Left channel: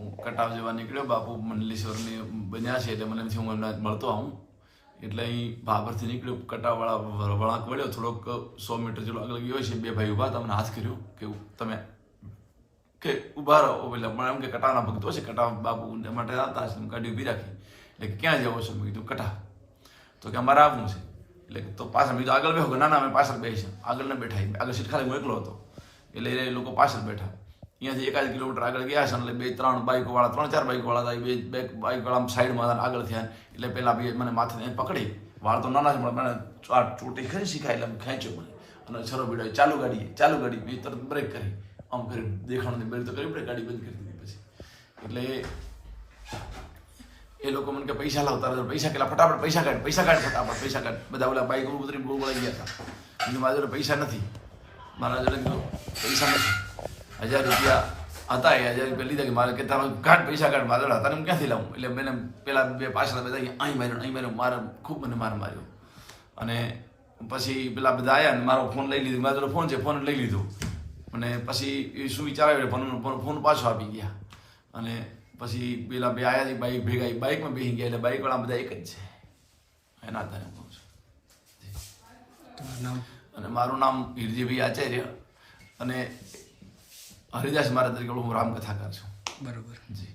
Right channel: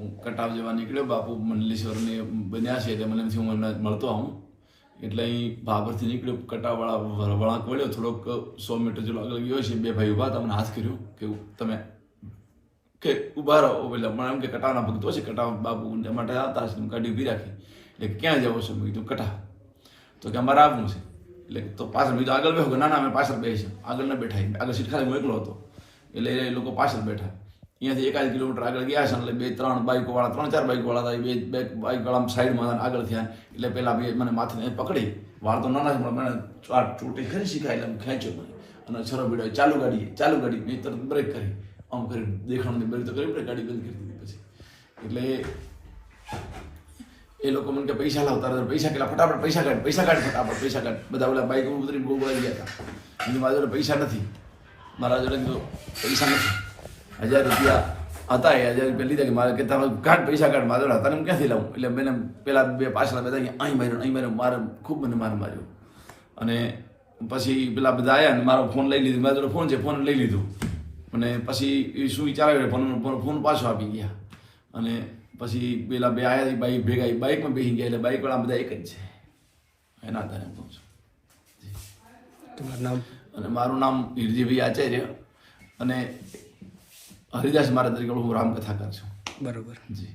હું કટાવ જવા નીકળ્યો. બાપુ મંડલેશ્વરને બન્યા છે એટલે મને નથી હું એમને મળતો આવું. એટલે અહીં ભાભરથી નીકળ્યો. કટાવાળા વળાંક વળ્યો. થોડોક સો મીટર જેટલો આગળ ગયો છે. બે ભાઈ ઊભા તમને હાથ કર્યો કે તમે કે ઊભા રહો. એટલે મને એમ કે કટાવના ભક્તો છે. કટાવ બાપુ માટે આવતા હશે. ગાડી ઊભી રાખી. એટલે ક્યાં જવો છો? મેં કીધું, કટાવ. તો કે અમારે આવવું છે. એટલે તો પાછળ મેં આગળ બેહો. ના અમે પાછળ બેસી આગળ ન બેઠા. આગળ સીટ ખાલી હું એકલો હતો. એટલે એ લોકો પાછળ બેઠા. અહીંયાથી એકાદ કિલોમીટર આગળ ગયા છે, એટલે બે, ત્રણ બાઇકો વાળા, ત્રણ, ચાર બાઇકો વાળા હતા બે બે બાઇક વાળા સાઈડમાં આગળ થયા એટલે પહેલાં બે મને માથે પકડી. વાળ તો નાના છે મને આ ચોટી ખરી શીખાય એટલે ખેંચ્યો મને. અને છરો બીડાવી ચાલુ ગાડી ચાલુ ગાડી, મેં તરત બ્રેક કરી. આમ કરી દેખાણું બ્રેક તો કરી પડે ગાડી બંધ કરી દીધી પછી. એટલે એ લોકો મને કે પૈસા લાવતા પૈસા કેટલા? ફટાફટ પૈસા કાઢ પૈસા કાઢ ફટાફટ, પૈસા કાઢ. બધા ઓલા બાઈક ઉતરી બહુ બોલાઈ ગયા હતા. મારા જોડે પૈસા નથી. મારા જોડે કીધું પૈસા નથી. હજાર રૂપિયા હતા એ હજાર રૂપિયા લીધા કે મારે કે તમે કાઢ પૈસા કાઢ મારા હતા હું ક્યાંથી લાવું એટલે મેં પેલા બે પાછળ બધા અહીં માર્યો અહીં માર્યો મારે ખૂબ મને માર માર્યો અને પછી પેલા બધા આવ્યા ને મારો ફોન લઈ લીધો મારો ફોન છે ફોન લઈ લીધો અને પછી એ શું વિચાર આવ્યો ફોન ફોન પાછો આપી ગયા અને પછી પેલા બે આવ્યા બાઈક ભેગા બાઇકમાં બેસી ગયા એટલે બાઇકવાળા બધા એક જ છે એના આધારે હું કહું છું તમારું નામ અને મારું નામ હિરજીભાઈ આચાર્ય અને હરિદાસ મારા તરીકે હું રામકથાકાર છું બરોબર જી